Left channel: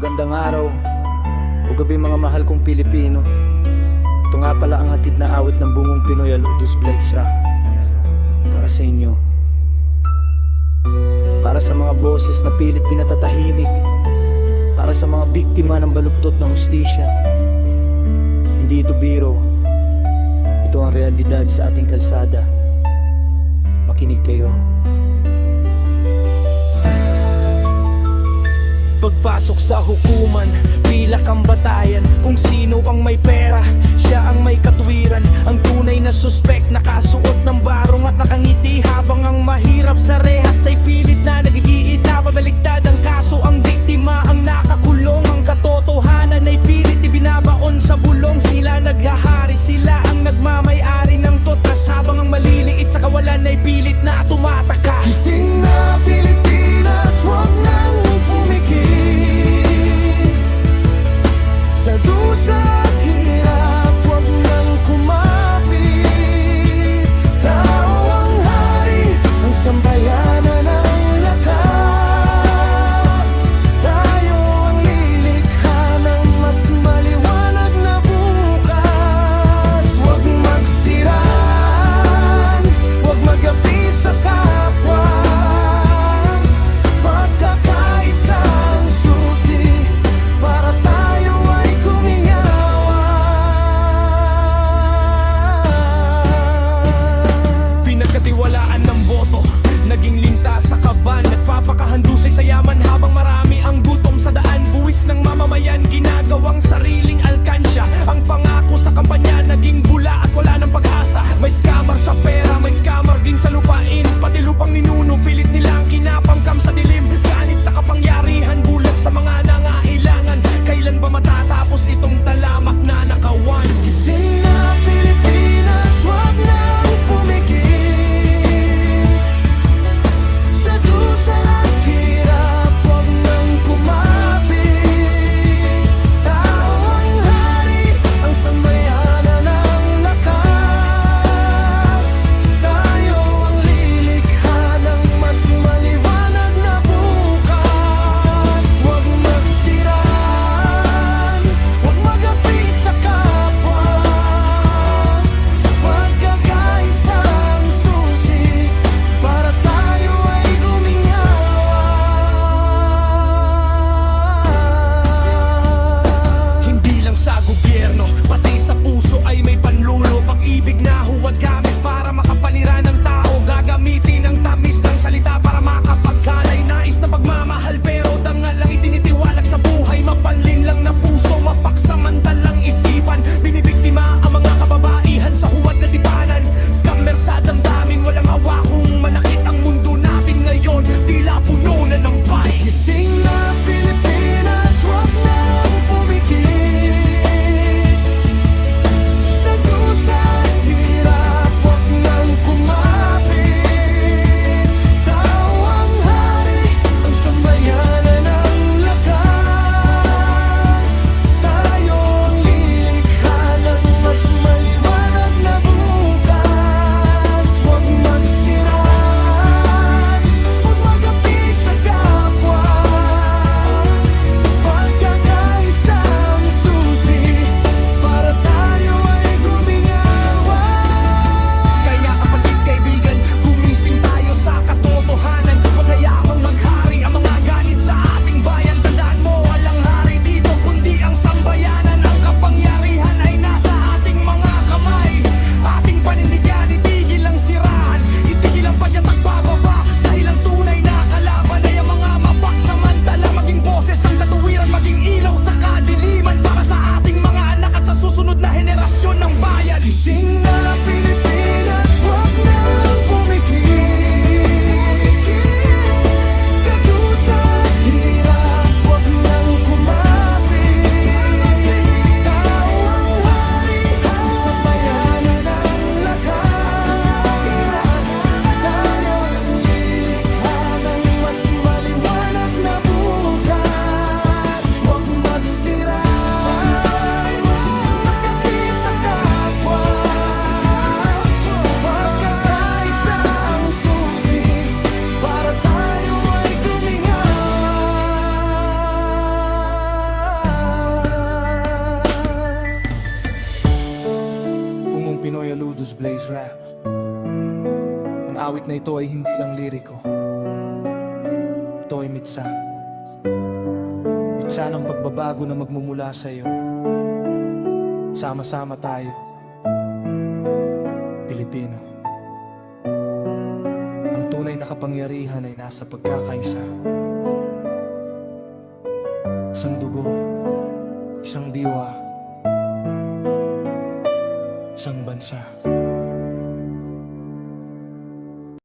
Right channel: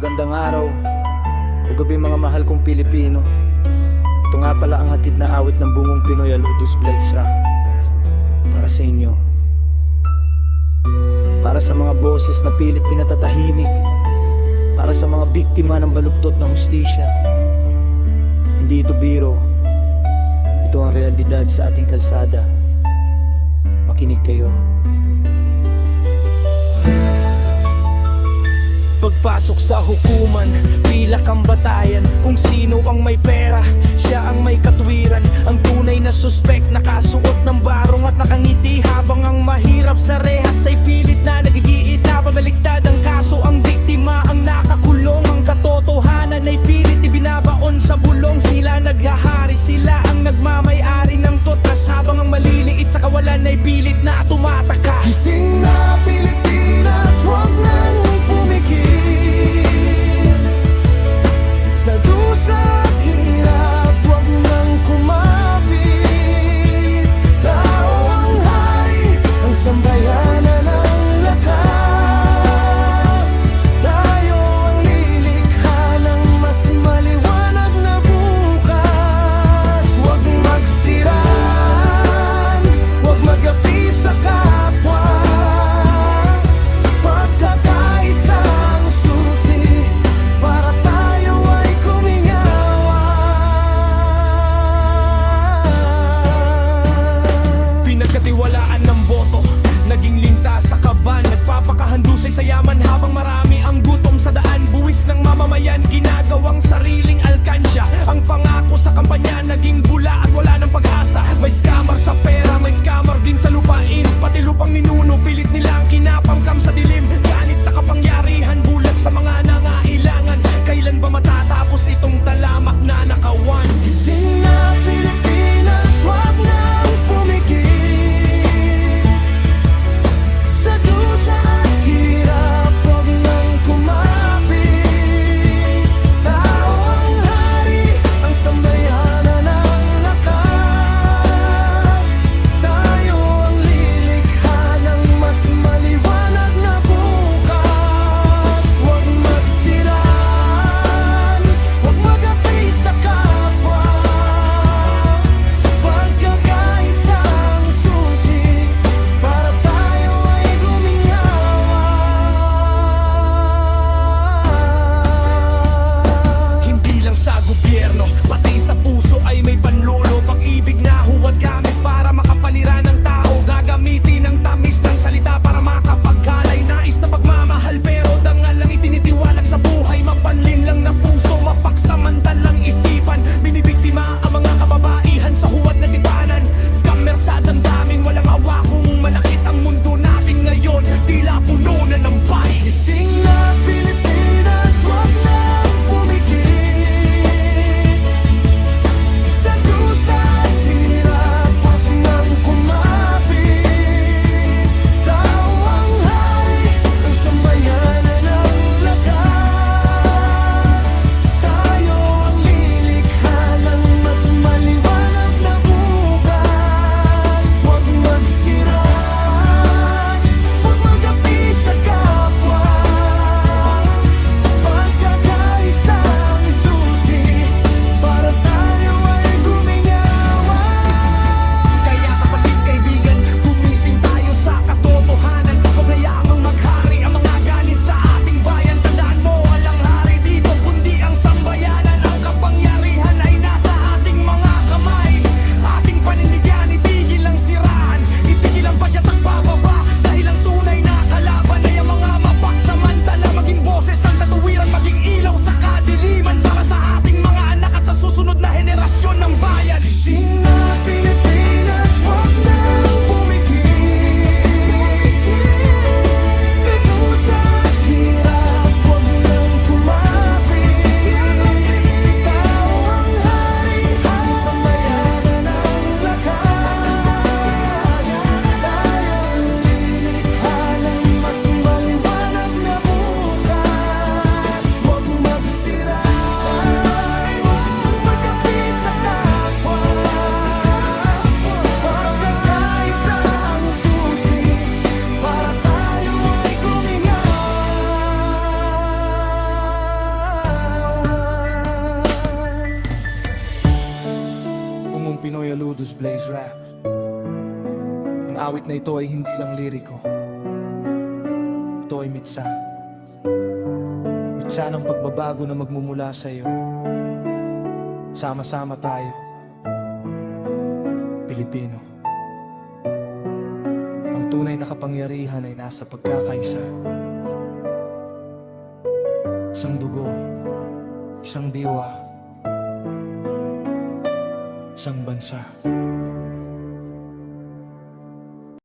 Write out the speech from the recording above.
Magandang araw o gabi mga mahal kong Pilipino. Ito nga pala ang hatid na awit ng bungong Pinoy, Aludus Blades Rock. Para sa inyo, para sa mga boses na pilit pinatatahimik, para sa mga biktima ng baluktot na hustisya. Hindi ito biro, ito ang realidad sa ating kalsada. Makinig kayo. Pagpasok sa hukuman, pilak ang batayan. Kung sino ang may pera, siya ang may katwiran. Ang tunay na suspek, nakasuot ng barong at nakangiti. Habang ang mahirap sa rehas ay pilit na nagigiita. Pabaliktad ang kaso, ang biktima ang nakakulong. Ang katotohanan ay pilit ibinabaon sa bulong. Sila naghahari, sila ang nagmamay-ari ng totas. Habang ang maliliit sa kawalan ay pilit na tumataka. Gising na Pilipinas, huwag nang pumikit sa dusa at hirap, huwag nang kumapit. Tao ang hari, ang sambayanan ang lakas. Tayo ang lilikha ng mas maliwanag na bukas. Huwag magsiraan, huwag magapi sa kapwa. Pagkakaisang susi para tayo ay kumingawan. Pinagkatiwalaan ng boto, naging linta sa kaban. Nagpapakahandusay sa yaman habang marami ang gutom sa daan. Buwis ng mamamayan, ginagawang sariling alkansya. Ang pangako sa kampanya, naging bula at wala ng pag-asa. May scammer sa pera, may scammer din sa lupain. Pati lupang ninuno, pilit nilang kinapamkam sa dilim. Ganit sa kapangyarihan, bulag sa mga nangailangan. Kailan ba matatapos itong talamak na nakawan? Gising na Pilipinas, huwag nang pumikit sa dusa at hirap, huwag nang kumapit. Tao ang hari, ang sambayanan ang lakas. Tayo ang lilikha ng mas maliwanag Dudus Blaze Rap. Ang awit na ito ay hindi lang liriko. Ito ay mitsa. Mitsa ng pagbabago na magmumula sa iyo. Sama-sama tayo, Pilipino. Ang tunay na kapangyarihan ay nasa pagkakaisa. Isang dugo, isang diwa, isang bansa.